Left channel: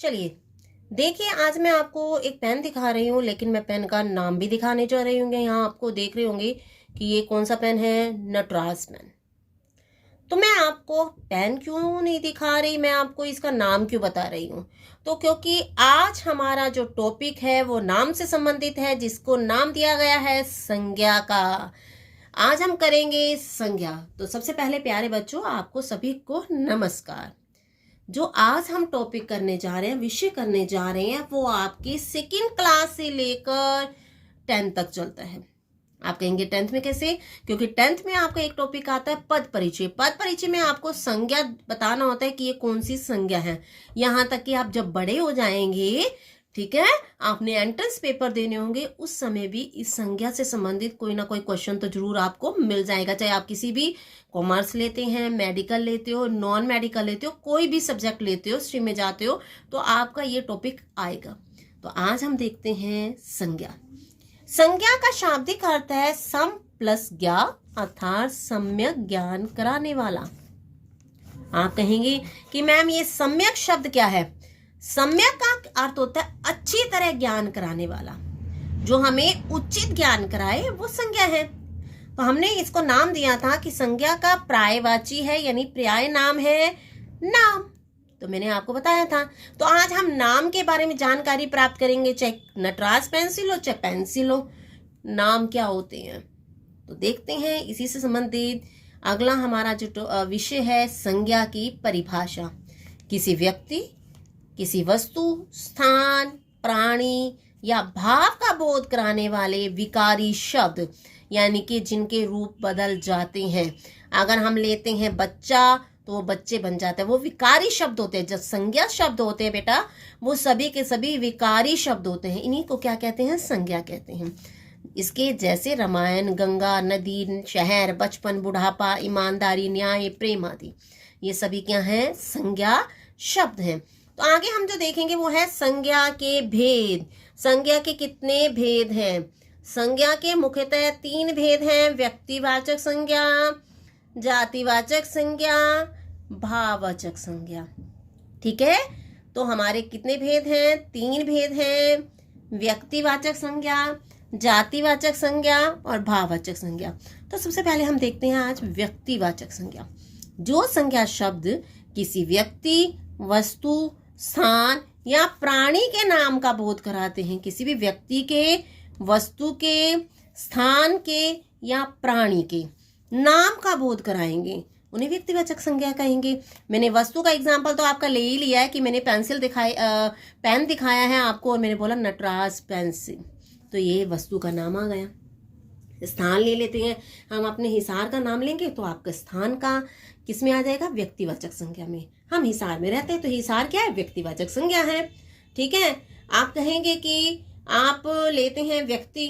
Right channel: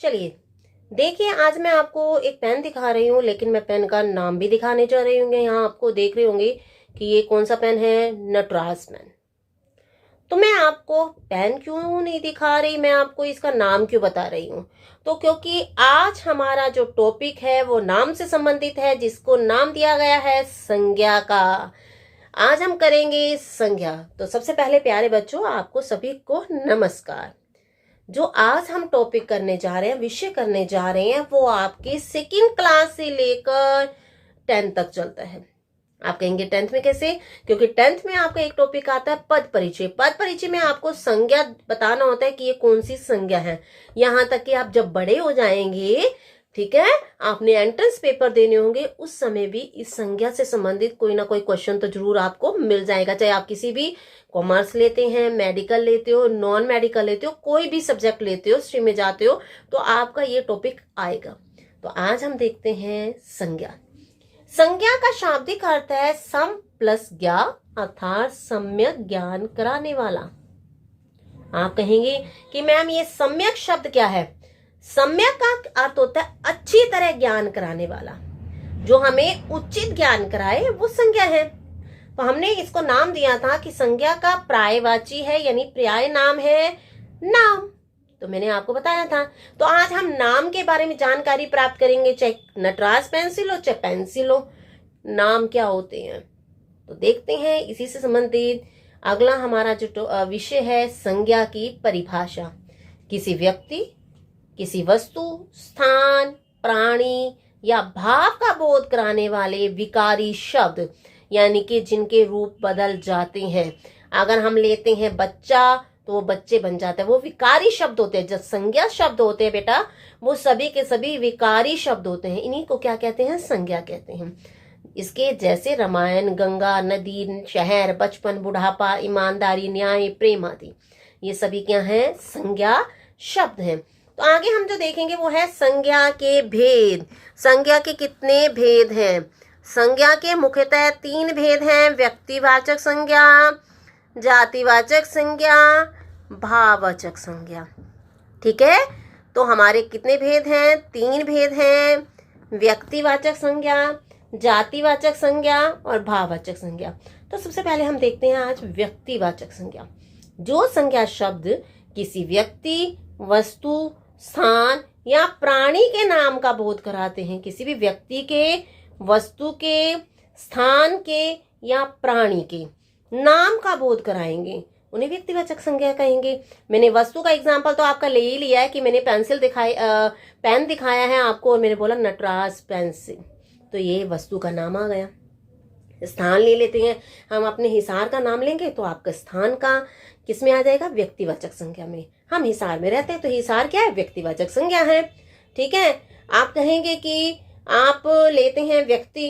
चलिए देखिए, आज मैं आपको एक पेन दिखा रही हूँ, लेकिन मैं पेन का नाम भी दिखाने जा रही हूँ। यहाँ आपको देख रहे होंगे कि ये कौन सा पेन है, नटराज पेन। तो मैं आपको पेन क्यों नहीं दिखा रही, मैं आपको इसका नाम क्यों बता रही हूँ। तो क्योंकि आज हमारा जो टॉपिक है वो नाम से संबंधित है, जिसको नाम दिया गया है संज्ञा का। आज हम करेंगे संज्ञा। तो सबसे पहले प्यारे बच्चों, आपको सभी को नमस्कार। जो आज हम टॉपिक करने जा रहे हैं, विषय करने जा रहे हैं, वो आपके सेकंड क्लास से लेकर 10th तक चलता है। आप कहेंगे 10th में कैसे? क्योंकि 10th में आपका एक टॉपिक आता है पद परिचय। पद परिचय में आपको संज्ञा बताना होता है कि ये कौन सी संज्ञा है। यहां तक कि आप जब बड़े हो जाएंगे, ठीक है, आपने एंट्रेंस पेपर देने होंगे, उस समय भी इस संज्ञा से संबंधित कोई ना कोई क्वेश्चन तो जरूर आपको मिल जाएगा। चाहे आप किसी भी कॉमर्स लेते हैं, मेडिकल लेते हो, नॉन मेडिकल लेते हो, कोई भी सब्जेक्ट लेते हो, स्ट्रीम में जाते हो, तो आपका ये टॉपिक आएगा। तो आज हम देखते हैं संज्ञा। संज्ञा का शाब्दिक अर्थ है सम प्लस ज्ञा, अर्थात सम्यक ज्ञान कराने वाला। आप कहेंगे कि मैम ये सम्यक शब्द क्या है? सम्यक का अर्थ होता है अच्छी तरह ज्ञान कराने वाला, जो हमें उचित ज्ञान कराए, वो संज्ञा है। तो हमने इसको नाम दिया था कि संज्ञा का पर्यायवाची है, यानी पर्याय नाम है नाम। तो मैंने आपको बताया था। तो आज हम नाम के बारे में जानकारी प्राप्त करेंगे, चाहे नटराज पेंसिल हो चाहे पेंसिल हो, नाम क्या होते हैं। तो देखते हैं इसी से संबंधित अगला हमारा जो विषय है, संज्ञा की परिभाषा। किसी व्यक्ति, किसी वस्तु, स्थान, प्राणी या भाव का बोध कराने वाले विकारी शब्द, यानी कि जिनके रूप बदल जाते हैं। अगर हम लेते हैं बच्चा, तो वो बच्चे बन जाते हैं, वो विकारी शब्द होते हैं। जब संज्ञा शब्द होते हैं बेटा, वो सभी के सभी विकारी शब्द होते हैं। इन्हीं को क्या कहते हैं? संज्ञा कहते हैं। इसके जैसे रामायण, गंगा, नदी, शहर, बचपन, बुढ़ापा, ईमानदारी, न्याय, प्रेम आदि, ये सभी क्या है? संज्ञा शब्द हैं। तो आगे हम जो देखेंगे वो है संज्ञा के भेद। संज्ञा के कितने भेद हैं? संज्ञा के मुख्यतः 3 भेद हैं: व्यक्तिवाचक संज्ञा, जातिवाचक संज्ञा, भाववाचक संज्ञा। ठीक है, तो हमारे कितने भेद हैं? 3 भेद हैं: व्यक्तिवाचक संज्ञा, जातिवाचक संज्ञा और भाववाचक संज्ञा। तो सबसे पहले हम देखते हैं आज व्यक्तिवाचक संज्ञा। जो संज्ञा शब्द किसी व्यक्ति, वस्तु, स्थान या प्राणी के नाम का बोध कराते हैं। किसी भी व्यक्ति के, वस्तु के, स्थान के या प्राणी के नाम का बोध कराएंगे, उन्हें व्यक्तिवाचक संज्ञा कहेंगे। मैंने वस्तु का एग्जांपल तो आपका ले ही लिया है कि मैंने पेन दिखाया है आपको और मैंने बोला नटराज पेंसिल, तो ये वस्तु का नाम आ गया। स्थान ले लेते हैं हम, अपने हिसार का नाम लेंगे तो आपका स्थान का किस में आ जाएगा? व्यक्तिवाचक संज्ञा में। हम हिसार में रहते हैं तो हिसार क्या है? व्यक्तिवाचक संज्ञा है। ठीक है, आप कहेंगे कि आप लेते हैं व्यक्ति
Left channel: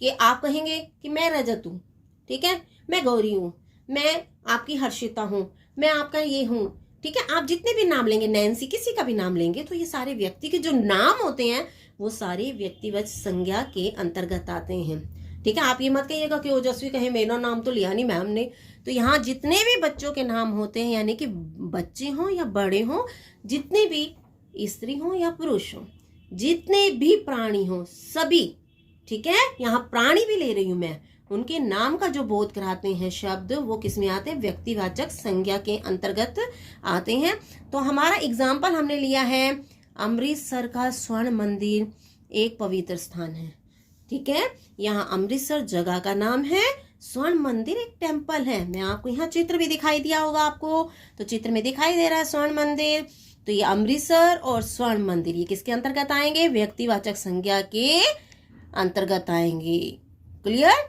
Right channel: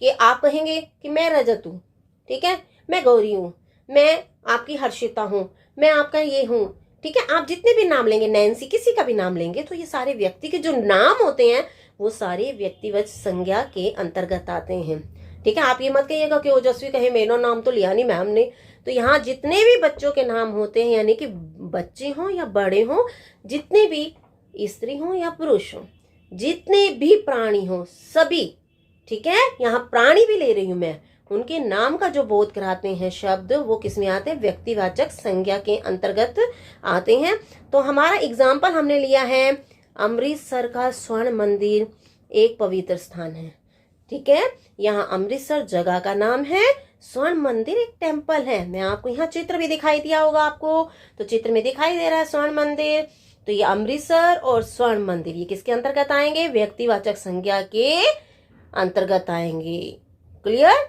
कि आप कहेंगे कि मैं रजत हूँ, ठीक है, मैं गौरी हूँ, मैं आपकी हर्षिता हूँ, मैं आपका ये हूँ। ठीक है, आप जितने भी नाम लेंगे, नैन्सी, किसी का भी नाम लेंगे, तो ये सारे व्यक्ति के जो नाम होते हैं वो सारे व्यक्तिवाचक संज्ञा के अंतर्गत आते हैं। ठीक है, आप ये मत कहिएगा कि ओजस्वी कहे मेरा नाम तो लिया नहीं मैम ने। तो यहाँ जितने भी बच्चों के नाम होते हैं, यानी कि बच्चे हों या बड़े हों, जितने भी स्त्री हों या पुरुष हों, जितने भी प्राणी हों, सभी, ठीक है, यहाँ प्राणी भी ले रही हूं मैं, उनके नाम का जो बोध कराते हैं शब्द, वो किस में आते हैं? व्यक्तिवाचक संज्ञा के अंतर्गत आते हैं। तो हमारा एग्जाम्पल हमने लिया है अमृतसर का स्वर्ण मंदिर एक पवित्र स्थान है। ठीक है, यहाँ अमृतसर जगह का नाम है, स्वर्ण मंदिर एक टेम्पल है। मैं आपको यहाँ चित्र भी दिखाई दिया होगा आपको, तो चित्र में दिखाई दे रहा है स्वर्ण मंदिर। तो ये अमृतसर और स्वर्ण मंदिर ये किसके अंतर्गत आएंगे? व्यक्तिवाचक संज्ञा के अंतर्गत आएंगे। क्लियर?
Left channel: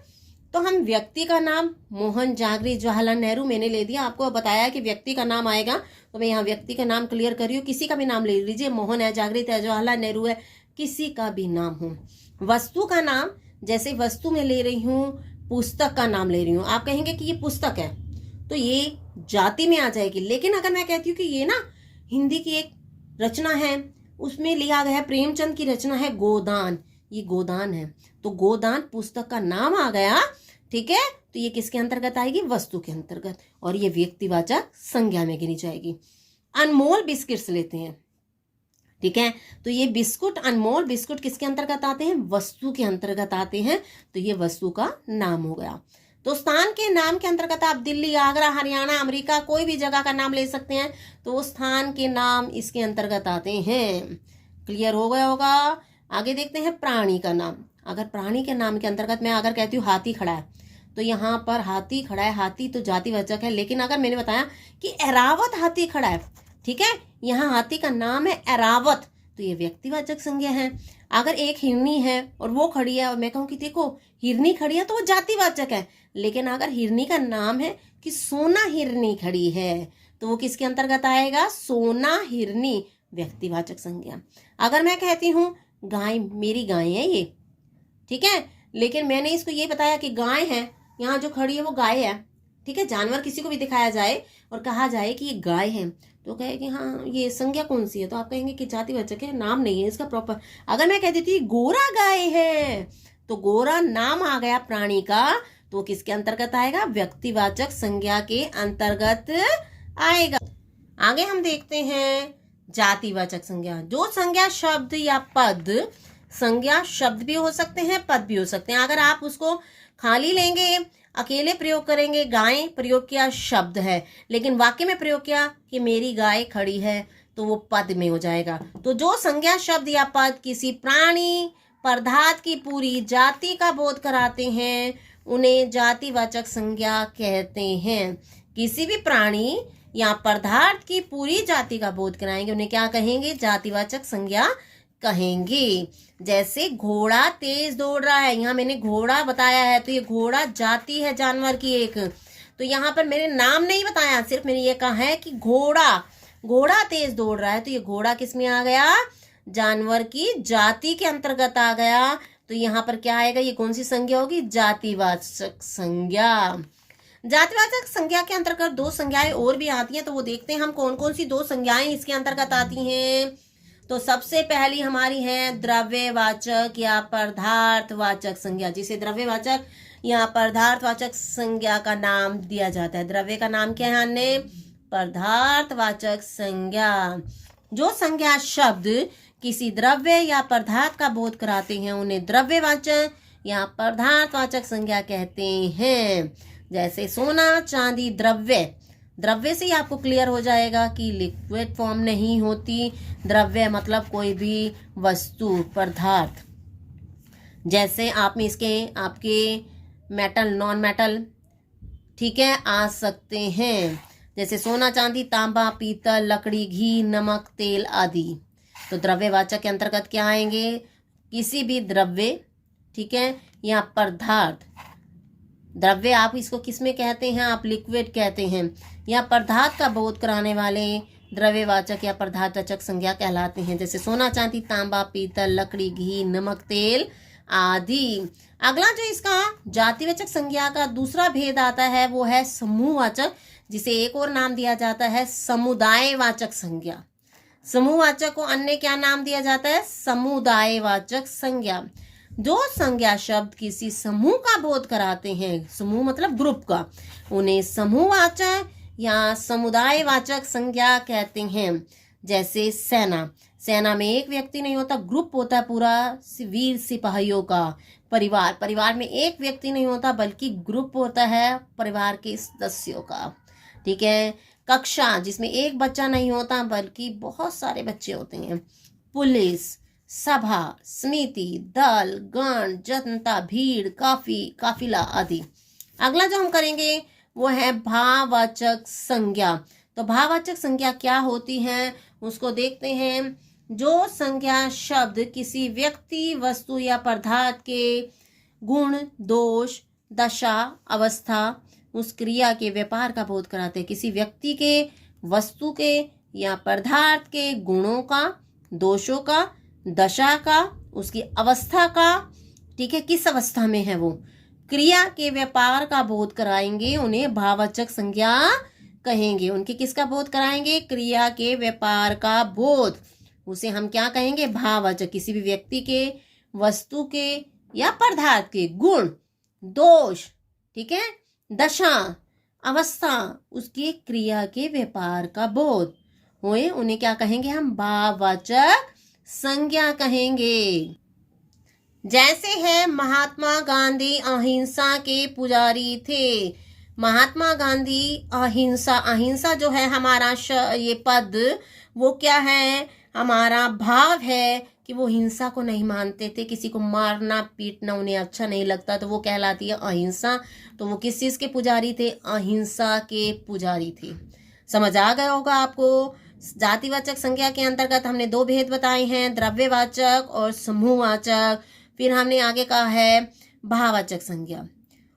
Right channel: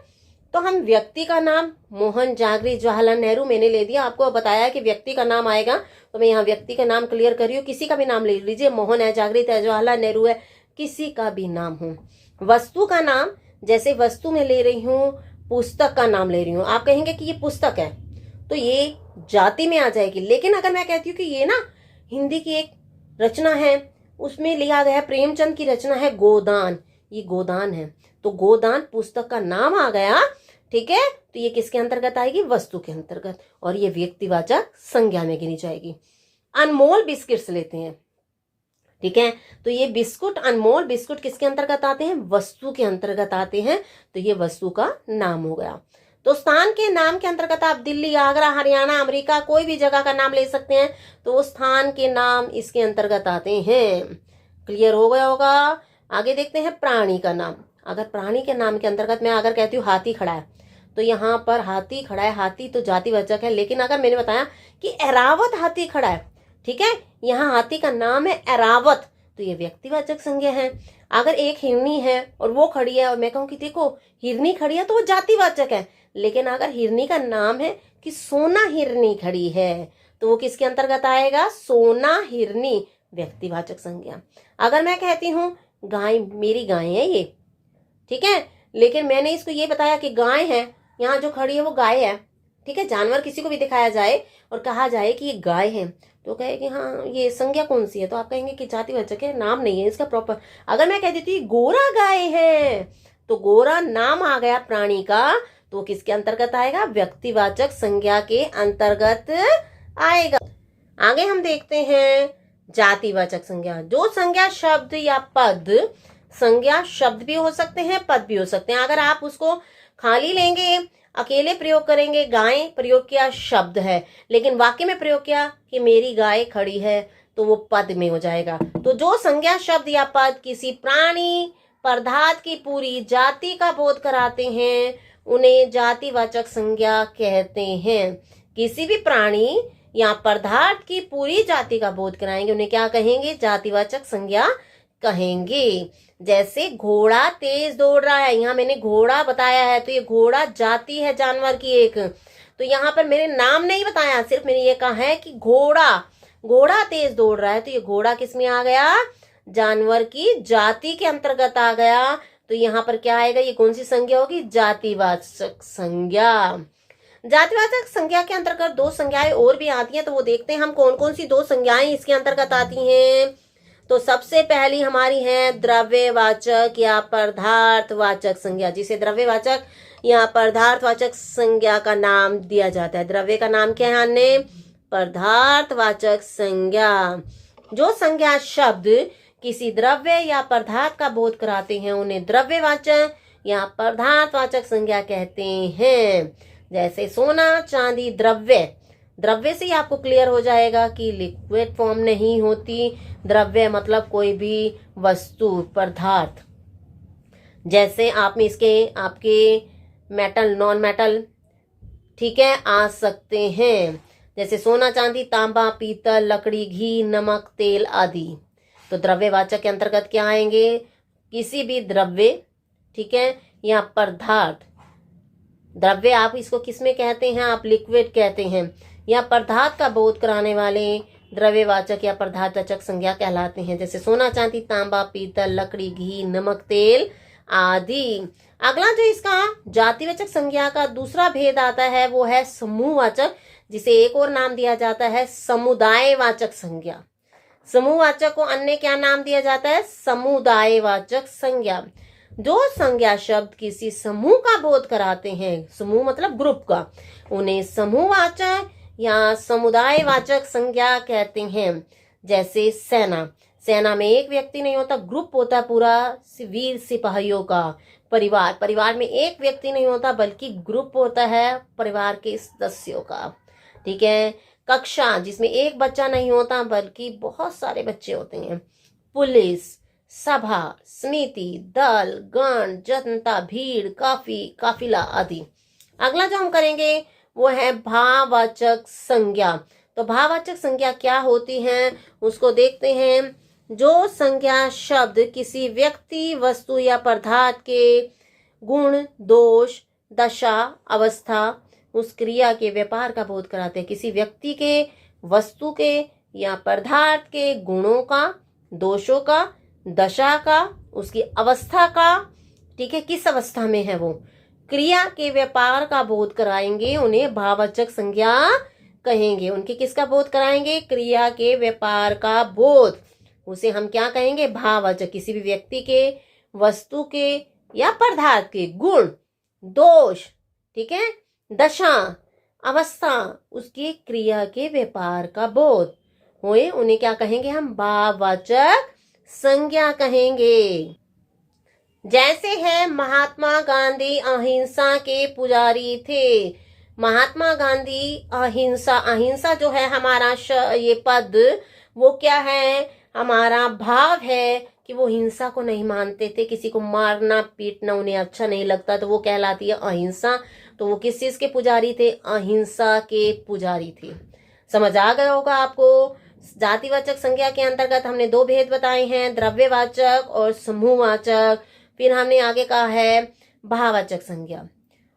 तो हम व्यक्ति का नाम मोहन, जागृत, जवाहरलाल नेहरू मैंने ले दिया, आपको बताया कि व्यक्ति का नाम आएगा, तो मैं यहाँ व्यक्ति का नाम क्लियर कर रही हूँ। किसी का भी नाम ले लीजिए, मोहन है, जागृत है, जवाहरलाल नेहरू है, किसी का भी नाम हो। वस्तु का नाम, जैसे वस्तु में ले रही हूँ, पुस्तक का नाम ले रही हूँ, आप कहेंगे कि ये पुस्तक है, तो ये जाति में आ जाएगी। लेकिन अगर मैं कहती हूँ कि ये ना हिंदी की एक रचना है, उसमें लिया गया है, प्रेमचंद की रचना है गोदान, ये गोदान है, तो गोदान पुस्तक का नाम आ गया। ठीक है, तो ये किसके अंतर्गत आएगी? वस्तु के अंतर्गत, और ये व्यक्तिवाचक संज्ञा में गिनी जाएगी। अनमोल बिस्किट्स लेते हैं। ठीक है, तो ये बिस्कुट, अनमोल बिस्कुट किसके अंतर्गत आते हैं? वस्तु के अंतर्गत आते हैं, तो ये वस्तु का नाम हो गया। तो स्थान के नाम के अंतर्गत आप दिल्ली, आगरा, हरियाणा, अमेरिका, कोई भी जगह का नाम ले सकते हैं, तो वो स्थान के नाम इसके अंतर्गत आते हैं। क्लियर हो गया होगा। आगे देखते हैं प्राणी का नाम। अगर प्राणी के नाम के अंतर्गत मैं अगर कहती हूँ हाथी खड़ा है, तो यहाँ पर हाथी खड़ा है, हाथी तो जातिवाचक है, लेकिन अगर मैंने बताया कि एरावत हाथी खड़ा है, ठीक है, यहाँ हाथी का नाम है एरावत, तो ये व्यक्तिवाचक संज्ञा है। अगर एक हिरनी है और वो खड़ी है और मैं कहूँ कि देखो हिरनी खड़ी है, तो वो जातिवाचक है। लेकिन अगर हिरनी का नाम है कि सोना हिरनी खड़ी है, तो वो किसके अंतर्गत आएगा? सोना हिरनी, व्यक्तिवाचक संज्ञा। अगर मैं कहती हूँ गाय, मेरी गाय है ये, ठीक है, लेकिन मैंने इसको ये बताया कि गाय है, यहाँ जो खड़ी है वो गाय है, ठीक है, जानवर किसी को भी दिखाया जाए और कहा जाए कि ये गाय है, तो कहे कि हाँ ये संज्ञा कौन सी है, तो आप कहेंगे कि जातिवाचक है, नाम नहीं है इसका प्रॉपर। अगर मैं कह देती गोरा गाय है, तो गोरा नाम आ गया प्राणी का, तो किसके अंतर्गत आएगा? व्यक्तिवाचक संज्ञा के अंतर्गत आएगा। आगे हम देखते हैं जातिवाचक संज्ञा। जो संज्ञा शब्द या पद, संज्ञा शब्द भी हो सकते हैं, पद भी हो सकते हैं। अगर आप उसको खाली लेंगे, अकेले प्रयोग करेंगे, गाय प्रयोग किया शब्द है, लेकिन वाक्य में प्रयोग किया कि मेरी गाय खड़ी है, तो वो पद में हो जाएगा। तो जो संज्ञा शब्द या पद किसी प्राणी पदार्थ की पूरी जाति का बोध कराते हैं, उन्हें जातिवाचक संज्ञा कहते हैं। किसी भी प्राणी या पदार्थ की पूरी जाति का बोध कराएंगे, उन्हें क्या कहेंगे? जातिवाचक संज्ञा कहेंगे। जैसे घोड़ा तेज दौड़ रहा है, यहाँ मैंने घोड़ा बताया है, तो ये घोड़ा जाति है जानवर की एक, तो यहाँ पर मैंने नाम नहीं बताया, सिर्फ मैंने ये कहा है कि घोड़ा तेज दौड़ रहा है, तो ये घोड़ा किस में आ गया? जानवर की जाति के अंतर्गत आ गया। तो यहाँ पर क्या आएगा? ये कौन सी संज्ञा होगी? जातिवाचक संज्ञा। जातिवाचक संज्ञा के अंतर्गत दो संज्ञाएं और भी आती हैं, तो वो देखते हैं हम कौन कौन सी दो संज्ञाएं इसके अंतर्गत आती हैं। तो सबसे पहली हमारी है द्रव्यवाचक या पदार्थवाचक संज्ञा, जिसे द्रव्यवाचक या पदार्थवाचक संज्ञा का नाम दिया जाता है। द्रव्य का नाम क्या है अन्य? पदार्थवाचक संज्ञा। जो संज्ञा शब्द किसी द्रव्य या पदार्थ का बोध कराते हैं, उन्हें द्रव्यवाचक या पदार्थवाचक संज्ञा कहते हैं। जैसे सोना चांदी द्रव्य से ही आपको क्लियर हो जाएगा कि लिक्विड फॉर्म नहीं होती। द्रव्य मतलब कोई भी वस्तु, पदार्थ। जैसे आप में इसके आपके मेटल, नॉन मेटल, ठीक है, आ सकते हैं, जैसे सोना चांदी, तांबा, पीतल, लकड़ी, घी, नमक, तेल आदि। तो द्रव्यवाचक के अंतर्गत क्या आएंगे? किसी भी द्रव्य, ठीक है, या पदार्थ। द्रव्य आप इसको किस में कहते हैं? आप लिक्विड कहते हैं, या पदार्थ का बोध कराने वाले द्रव्यवाचक या पदार्थवाचक संज्ञा कहलाते हैं। जैसे सोना चांदी, तांबा, पीतल, लकड़ी, घी, नमक, तेल आदि। अगला जो इसका जातिवाचक संज्ञा का दूसरा भेद आता है, वो है समूहवाचक, जिसे एक और नाम दिया जाता है समुदायवाचक संज्ञा। समूहवाचक को अन्य क्या नाम दिया जाता है? समुदायवाचक संज्ञा। जो संज्ञा शब्द किसी समूह का बोध कराते हैं, समूह मतलब ग्रुप का, उन्हें समूहवाचक या समुदायवाचक संज्ञा कहते हैं। जैसे सेना में एक व्यक्ति नहीं होता, ग्रुप होता पूरा वीर सिपाहियों का। परिवार में एक व्यक्ति नहीं होता, बल्कि ग्रुप होता है परिवार के सदस्यों का। ठीक है। कक्षा, जिसमें एक बच्चा नहीं होता, बल्कि बहुत सारे बच्चे होते हैं। पुलिस, सभा, समिति, दल, गण, जनता, भीड़, काफिला आदि। अगला जो हम करेंगे वो है भाववाचक संज्ञा। तो भाववाचक संज्ञा क्या होती है उसको देखते हैं। जो संज्ञा शब्द किसी व्यक्ति, वस्तु या पदार्थ के गुण, दोष, दशा, अवस्था, उस क्रिया के व्यापार का बोध कराते हैं। किसी व्यक्ति के, वस्तु के या पदार्थ के गुणों का, दोषों का, दशा का, उसकी अवस्था का, ठीक है, किस अवस्था में है वो, क्रिया के व्यापार का बोध कराएंगे, उन्हें भाववाचक संज्ञा कहेंगे। उनके किसका बोध कराएंगे? क्रिया के व्यापार का बोध, उसे हम क्या कहेंगे? भाववाचक। किसी भी व्यक्ति के, वस्तु के या पदार्थ के गुण, दोष, ठीक है, दशा, अवस्था, उसकी क्रिया के व्यापार का बोध हुए, उन्हें क्या कहेंगे हम? भाववाचक संज्ञा कहेंगे। जैसे है महात्मा गांधी अहिंसा के पुजारी थे। महात्मा गांधी अहिंसा, अहिंसा जो है हमारा ये पद, वो क्या है? हमारा भाव है कि वो हिंसा को नहीं मानते थे, किसी को मारना पीटना उन्हें अच्छा नहीं लगता, तो वो कहलाती है अहिंसा। तो वो किस चीज के पुजारी थे? अहिंसा के पुजारी थे। समझ आ गया होगा आपको। जातिवाचक संज्ञा के अंतर्गत हमने दो भेद बताए हैं, द्रव्यवाचक और समूहवाचक। फिर हमने आगे कहा है भाववाचक संज्ञा।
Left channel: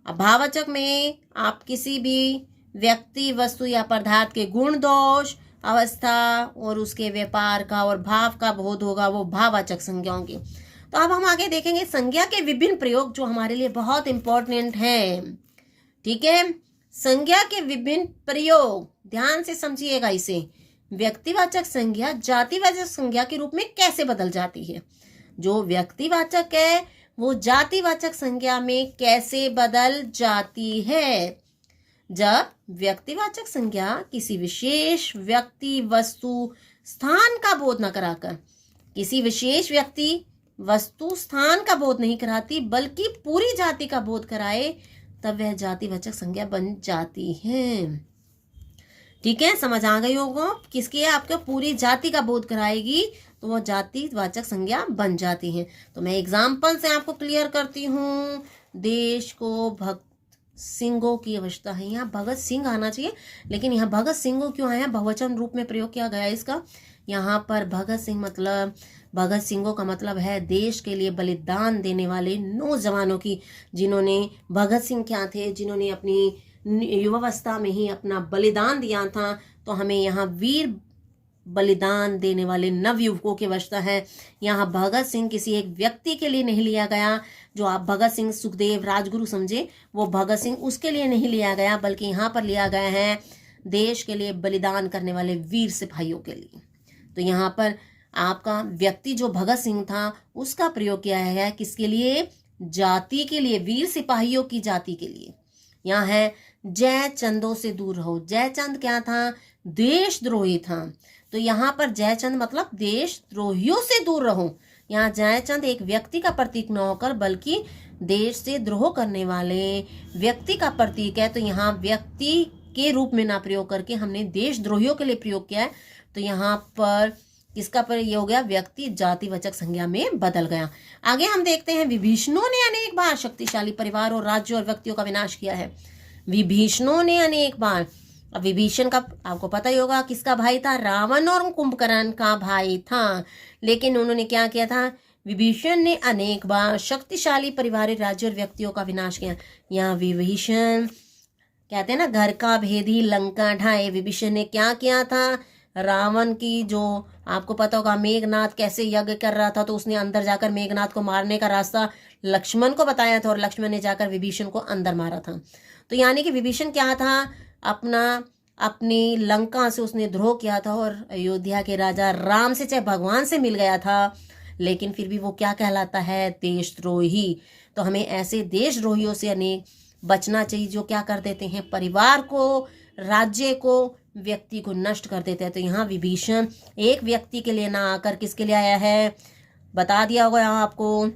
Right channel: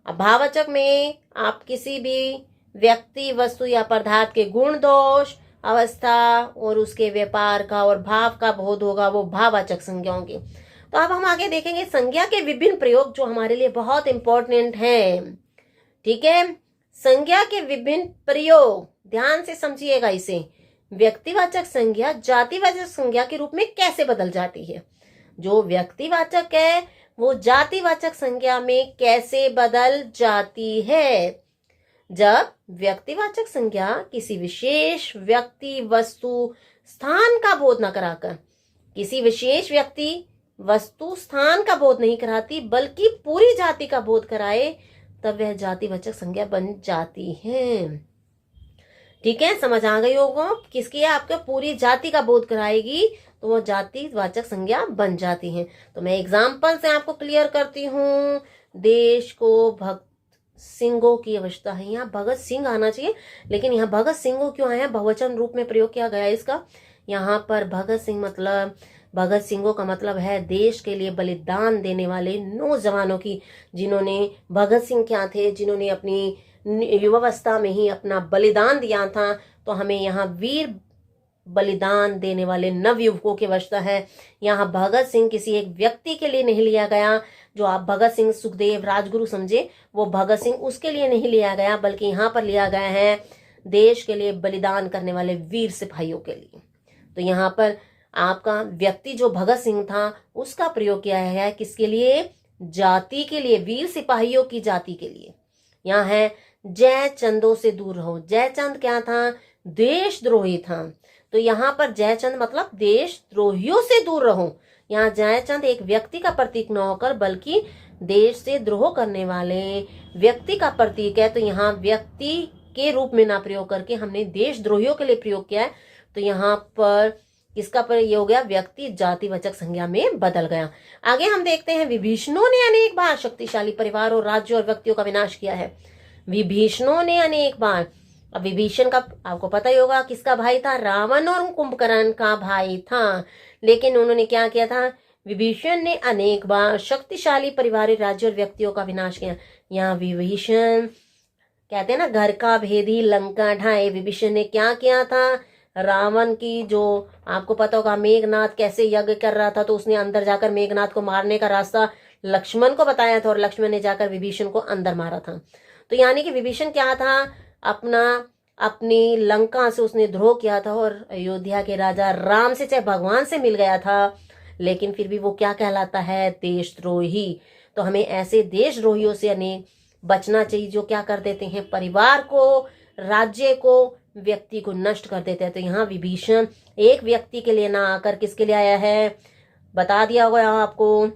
अब भाववाचक में आप किसी भी व्यक्ति, वस्तु या पदार्थ के गुण, दोष, अवस्था और उसके व्यापार का और भाव का बोध होगा, वो भाववाचक संज्ञा होंगी। तो अब हम आगे देखेंगे संज्ञा के विभिन्न प्रयोग जो हमारे लिए बहुत इंपॉर्टेंट हैं। ठीक है, संज्ञा के विभिन्न प्रयोग ध्यान से समझिएगा इसे। व्यक्तिवाचक संज्ञा जातिवाचक संज्ञा के रूप में कैसे बदल जाती है? जो व्यक्तिवाचक है वो जातिवाचक संज्ञा में कैसे बदल जाती है? जब व्यक्तिवाचक संज्ञा किसी विशेष व्यक्ति, वस्तु, स्थान का बोध न कराकर, किसी विशेष व्यक्ति, वस्तु, स्थान का बोध नहीं कराती बल्कि पूरी जाति का बोध कराए, तब वह जातिवाचक संज्ञा बन जाती है। ठीक है, समझ आ गई होगा। किसकी है? आपके पूरी जाति का बोध कराएगी तो वो जातिवाचक संज्ञा बन जाती है। तो मैं एग्जाम्पल से आपको क्लियर करती हूँ। देश को भगत सिंहों की आवश्यकता है। यहाँ भगत सिंह आना चाहिए, लेकिन यहाँ भगत सिंह क्यों आया? बहुवचन रूप में प्रयोग किया गया इसका। यहाँ पर भगत सिंह मतलब, भगत सिंहों का मतलब है देश के लिए बलिदान देने वाले नौजवानों की, जिन्होंने, भगत सिंह क्या थे? जिन्होंने अपनी युवावस्था में ही अपना बलिदान दिया था। तो हमें यहाँ वीर बलिदान देने वाले नवयुवकों की आवश्यकता है। यहाँ भगत सिंह किसी एक व्यक्ति के लिए नहीं लिया गया, जो आप भगत सिंह, सुखदेव, राजगुरु समझे, वो भगत सिंह उसके लिए नहीं लिया गया, बल्कि यहाँ पर लिया गया है देश के लिए बलिदान करने वाले वीर सिपाहियों के लिए। तो यहाँ पर आपका व्यक्ति जो भगत सिंह था उसका प्रयोग किया है किसके लिए? जाति के लिए, वीर सिपाहियों की जाति के लिए। यहाँ है जयचंदों से दूर रहो। जयचंद क्या था? देशद्रोही था। तो यहाँ पर जयचंद मतलब देशद्रोहियों से दूर रहो। यहाँ जयचंद एक व्यक्ति का प्रतीक न होकर बल्कि देश से द्रोह करने वाले व्यक्ति का प्रतीक है। तो यहाँ व्यक्ति के रूप में ना प्रयोग करके हमने देशद्रोहियों के लिए प्रयोग किया है। तो यहाँ पर किसका प्रयोग हो गया? व्यक्ति जातिवाचक संज्ञा में बदल गया। आगे हम देखते हैं, विभीषणों ने अनेक बार शक्तिशाली परिवार और राज्यों और व्यक्तियों का विनाश किया है। विभीषणों ने अनेक बार, अब विभीषण का आपको पता ही होगा किसका भाई था? रावण और कुंभकर्ण का भाई था। लेकिन उन्होंने क्या किया था? विभीषण ने अनेक बार शक्तिशाली परिवार, राज्यों और व्यक्तियों का विनाश किया। यहाँ विभीषण कहते हैं ना, घर का भेदी लंका ढाए। विभीषण ने क्या किया था? रावण की, जो आपको पता होगा मेघनाथ कैसे यज्ञ कर रहा था, तो उसने अंदर जाकर मेघनाथ को मारने का रास्ता लक्ष्मण को बताया था और लक्ष्मण ने जाकर विभीषण को अंदर मारा था। तो यानी कि विभीषण क्या था? अपनी लंका से उसने द्रोह किया था और अयोध्या के राजा राम से, चाहे भगवान से मिल गया था, लेकिन फिर भी वो क्या कहलाता है? देशद्रोही। तो हमें ऐसे देशद्रोहियों से अनेक बचना चाहिए जो क्या कर देते हैं? परिवार को, राज्य को, व्यक्ति को नष्ट कर देते हैं। तो यहाँ विभीषण एक व्यक्ति के लिए ना आकर किसके लिए आया है? बता दिया होगा आपको,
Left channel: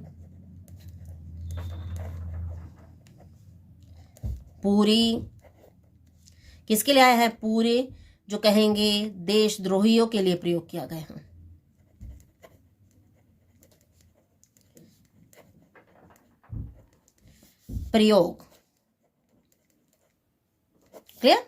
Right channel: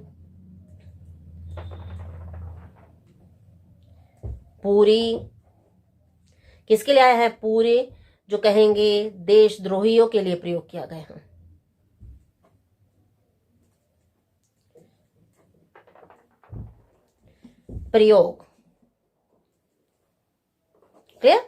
पूरी किसके लिए आया है? पूरे जो कहेंगे देशद्रोहियों के लिए प्रयोग किया गया है। प्रयोग क्लियर?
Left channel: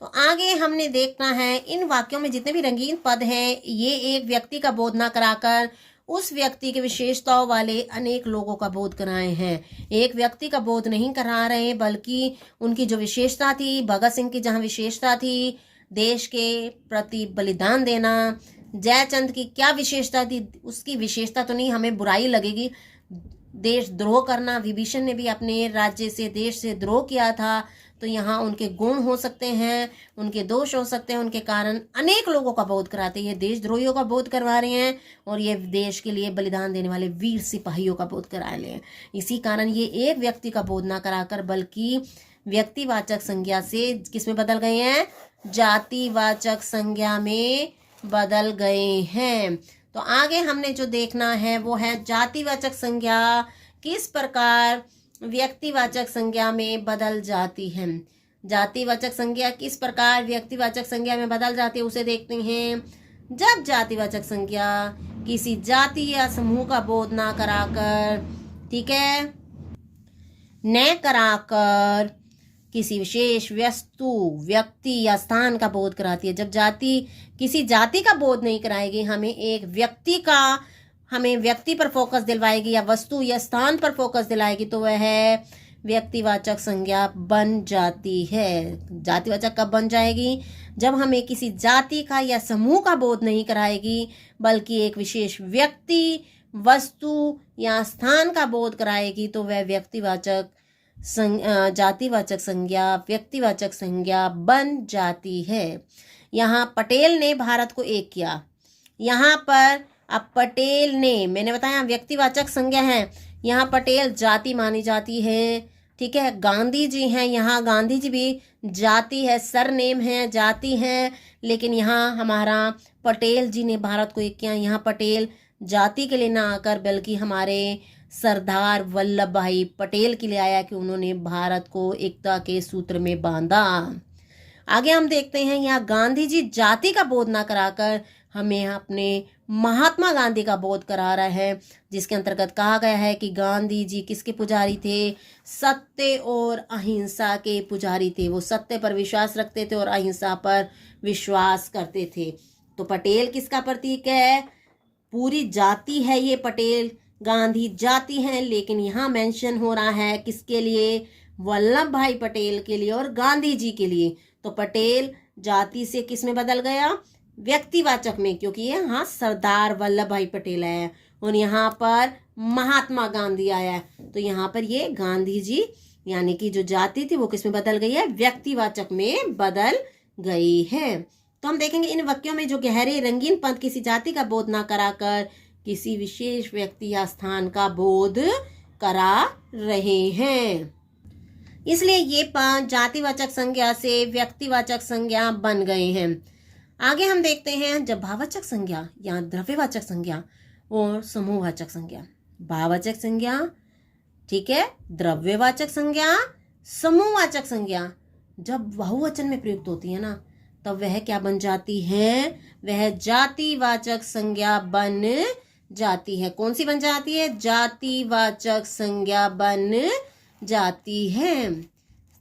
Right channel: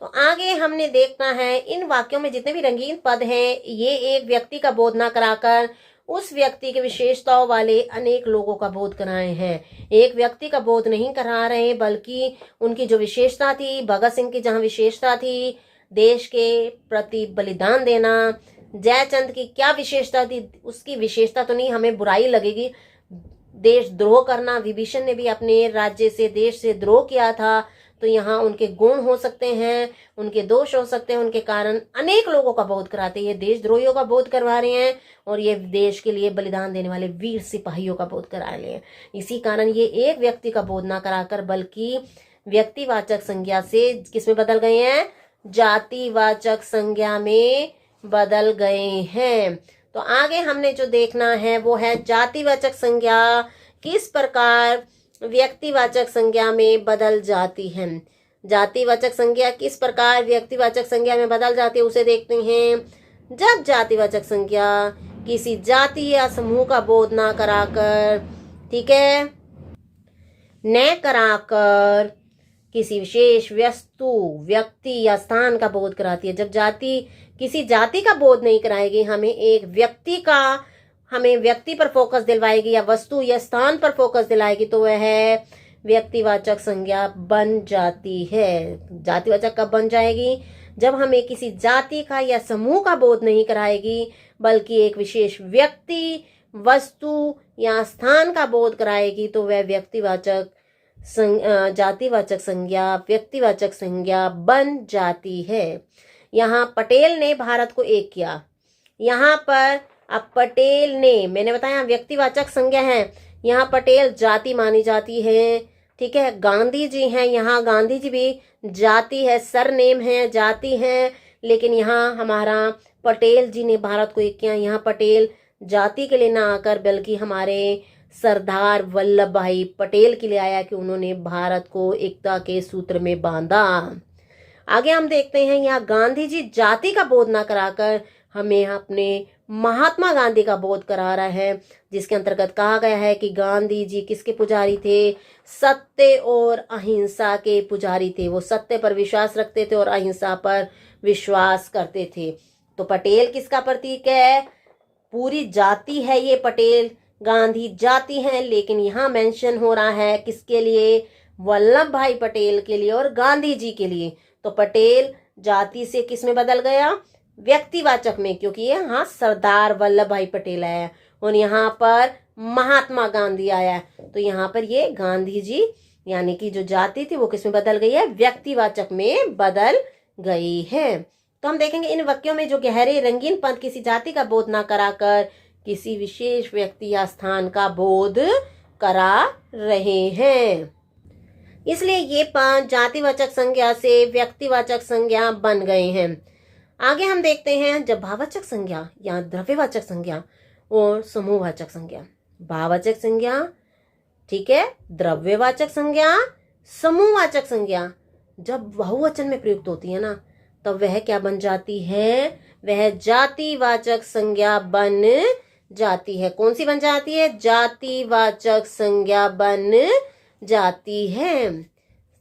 तो आगे हमने देखना है इन वाक्यों में जितने भी रंगीन पद हैं, ये एक व्यक्ति का बोध ना कराकर उस व्यक्ति के विशेषताओं वाले अनेक लोगों का बोध कराए हैं। एक व्यक्ति का बोध नहीं करा रहे बल्कि उनकी जो विशेषता थी, भगत सिंह की जहां विशेषता थी देश के प्रति बलिदान देना, जयचंद की क्या विशेषता थी, उसकी विशेषता तो नहीं, हमें बुराई लगेगी, देशद्रोह करना। विभीषण ने भी अपने राज्य से, देश से द्रोह किया था, तो यहाँ उनके गुण हो सकते हैं, उनके दोष हो सकते हैं, उनके कारण अनेक लोगों का बोध कराते हैं। ये देशद्रोहियों का बोध करवा रहे हैं और ये देश के लिए बलिदान देने वाले वीर सिपाहियों का बोध करा रहे हैं। इसी कारण ये एक व्यक्ति का बोध ना कराकर बल्कि व्यक्तिवाचक संज्ञा से किसमें बदल गए हैं, जातिवाचक संज्ञा में बदल गए हैं। तो आगे हमने जो देखना है वो है जातिवाचक संज्ञा किस प्रकार व्यक्तिवाचक संज्ञा में बदल जाती है। जातिवाचक संज्ञा किस प्रकार व्यक्तिवाचक संज्ञा में बदल जाती है उसे देखते हैं। जब जातिवाचक संज्ञा किसी जाति या समूह का बोध ना कराकर, ठीक है, न कराकर किसी विशेष वस्तु, व्यक्ति या स्थान का बोध कराती है। जब जाति किसी जाति का बोध नहीं कराएगी, हमें व्यक्ति पर फोकस दिलवाएगी या वस्तु या स्थान पर फोकस दिलाएगी, तो वह व्यक्तिवाचक संज्ञा बन जाती है। जातिवाचक कब बन जाएगी, जब हमें किसी जाति का या समूह का बोध नहीं कराएगी बल्कि एक विशेष व्यक्ति, वस्तु या स्थान का बोध कराएगी, तो वह जातिवाचक संज्ञा व्यक्तिवाचक संज्ञा बन जाती है। यहाँ पटेल ने भारत को एक किया, यहाँ पर अब पटेल ने, मैंने बताया व्यक्तिवाचक संज्ञा है, यहाँ पटेल जाति मानी जाती है, ठीक है। गांधी जी हैं, यहाँ गांधी जी भी जाति है, सरनेम है, जाति है, लेकिन यहाँ हमारा पटेल जी ने भारत को एक किया। यहाँ पटेल जाति के लिए ना आकर बल्कि हमारे सरदार वल्लभ भाई पटेल के लिए आया कि उन्होंने भारत को एकता के सूत्र में बांधा। आगे हम देखते हैं, यहाँ गांधी जी जाति का बोध ना कराकर हमें अपने महात्मा गांधी का बोध करा रहा है, जिसके अंतर्गत कहा गया है कि गांधी जी किसके पुजारी थे, सत्य और अहिंसा के पुजारी थे। वो सत्य पर विश्वास रखते थे और अहिंसा पर विश्वास करते थे। तो पटेल किसका प्रतीक है, पूरी जाति है ये पटेल, गांधी जाति है, लेकिन यहाँ मेंशन हो रहा है किसके लिए, वल्लभ भाई पटेल के लिए और गांधी जी के लिए। तो पटेल जाति से किस में बदल गया, व्यक्तिवाचक में, क्योंकि ये यहाँ सरदार वल्लभ भाई पटेल आया और यहाँ पर महात्मा गांधी आया। तो यहाँ पर ये गांधी जी यानी कि जो जाति थी वो किस में बदल गई है, व्यक्तिवाचक में बदल गई है। तो हम देखेंगे इन वाक्यों में जो गहरे रंगीन पद किसी जाति का बोध ना कराकर किसी विशेष व्यक्ति या स्थान का बोध करा रहे हैं, इसलिए ये पद जातिवाचक संज्ञा से व्यक्तिवाचक संज्ञा बन गए हैं। आगे हम देखते हैं जब भाववाचक संज्ञा या द्रव्यवाचक संज्ञा और समूहवाचक संज्ञा, भाववाचक संज्ञा, ठीक है, द्रव्यवाचक संज्ञा, समूहवाचक संज्ञा जब बहुवचन में प्रयुक्त होती है ना, तब वह क्या बन जाती है, वह जातिवाचक संज्ञा बन जाती है। कौन सी बन जाती है, जातिवाचक संज्ञा बन जाती है।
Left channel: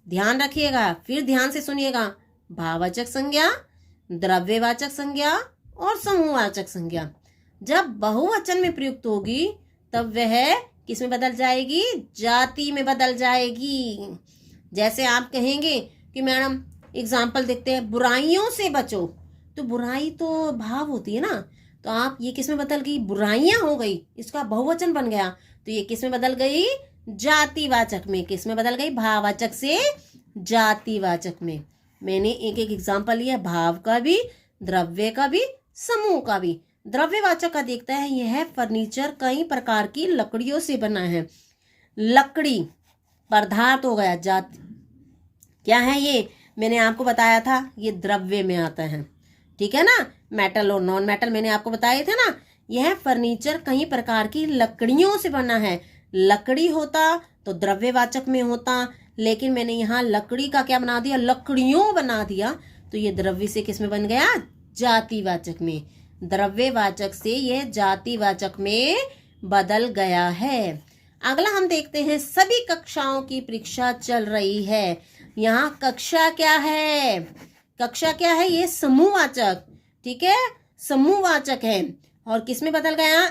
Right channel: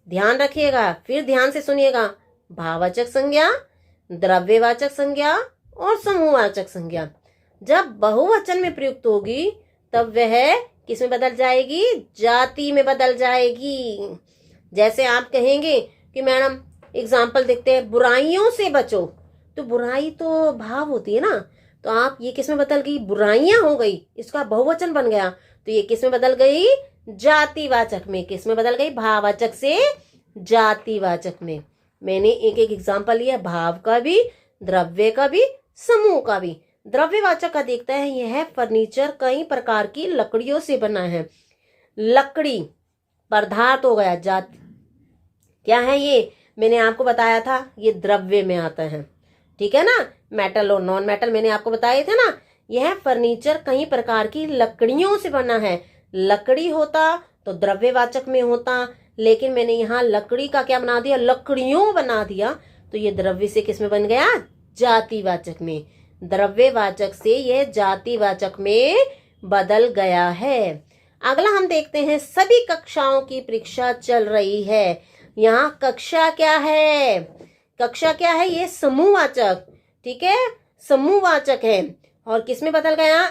ध्यान रखिएगा, फिर ध्यान से सुनिएगा, भाववाचक संज्ञा, द्रव्यवाचक संज्ञा और समूहवाचक संज्ञा जब बहुवचन में प्रयुक्त होगी तब वह किस में बदल जाएगी, जाति में बदल जाएगी। जैसे आप कहेंगे कि मैडम एग्जाम्पल देखते हैं, बुराइयों से बचो, तो बुराई तो भाव होती है ना, तो आप ये किस में बदल गई, बुराइयां हो गई, इसका बहुवचन बन गया, तो ये किस में बदल गई, जातिवाचक में। किस में बदल गई, भाववाचक से जातिवाचक में। मैंने एक एक एग्जाम्पल लिया, भाव का भी, द्रव्य का भी, समूह का भी। द्रव्यवाचक का देखता है, यह फर्नीचर कई प्रकार की लकड़ियों से बना है। लकड़ी पदार्थ हो गया, जात क्या है ये, मैंने आपको बताया था ये द्रव्य में आता है, ठीक है ना। मेटल और नॉन मेटल मैंने आपको बताए थे ना। यह फर्नीचर कई प्रकार की लकड़ियों से बना है। लकड़ी होता तो द्रव्यवाचक में होता, लेकिन मैंने यहाँ लकड़ी का क्या बना दिया, लकड़ियों बना दिया, तो ये द्रव्य से किस में बन गया, जातिवाचक में। द्रव्यवाचक से यह जातिवाचक में बदल गया है। अगला हम देखते हैं, सभी कक्षाओं की परीक्षा चल रही है। यहाँ कक्षा क्या है, कक्षा क्या है, ये समूहवाचक, ठीक है, समूहवाचक है। और किस में बदल गया,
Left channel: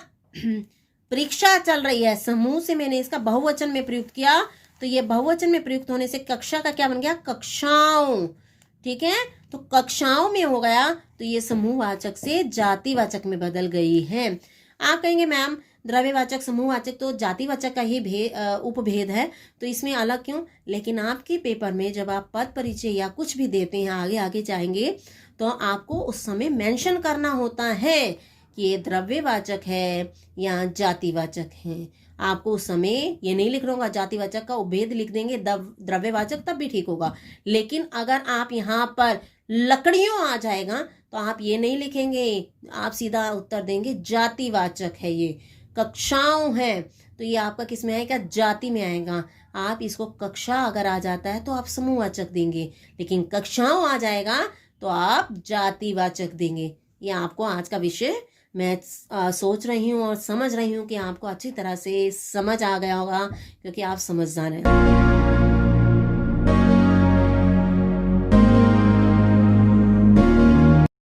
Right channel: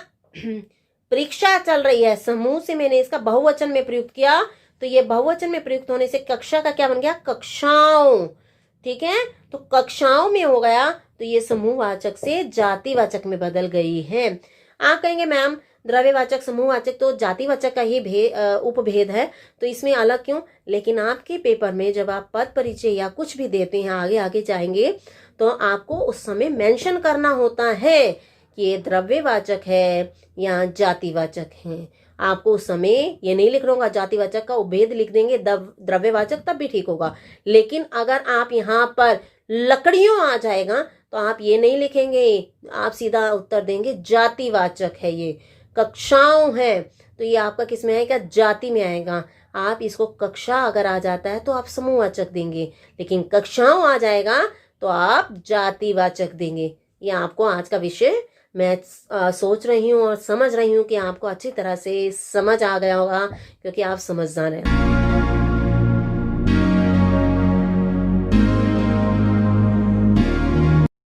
परीक्षा चल रही है। समूह से मैंने इसका बहुवचन में प्रयुक्त किया, तो ये बहुवचन में प्रयुक्त होने से कक्षा का क्या बन गया, कक्षाओं, ठीक है, तो कक्षाओं में हो गया, तो ये समूहवाचक से जातिवाचक में बदल गई है। आप कहेंगे मैम द्रव्यवाचक समूहवाचक तो जातिवाचक का ही उपभेद है, तो इसमें अलग क्यों। लेकिन आपके पेपर में जब आप पद परिचय या कुछ भी देते हैं, आगे आगे जाएंगे, तो आपको उस समय मेंशन करना होता है कि ये द्रव्यवाचक है या जातिवाचक है। आपको उस समय ये नहीं लिख होगा, जातिवाचक का उपभेद लिख देंगे, द्रव्यवाचक, तब भी ठीक होगा। लेकिन अगर आप यहाँ पर लकड़ियों आ जाएगा तो आप ये नहीं लिखेंगे, आप सीधा उत्तर देंगे जातिवाचक है। ये कक्षाओं है तो ये आपका किस में आएगा, जाति में आएगा। आप इसको कक्षा अगर आ जाता है तो आप समूहवाचक देंगे, लेकिन कक्षाओं आ जाएगा तो आप जातिवाचक देंगे। ये आपको आज का विषय मैं सोच रही हूँ और समझ रही हूँ कि आपको अच्छी तरह से समझ आ गया होगा, क्योंकि आप समझदार हैं।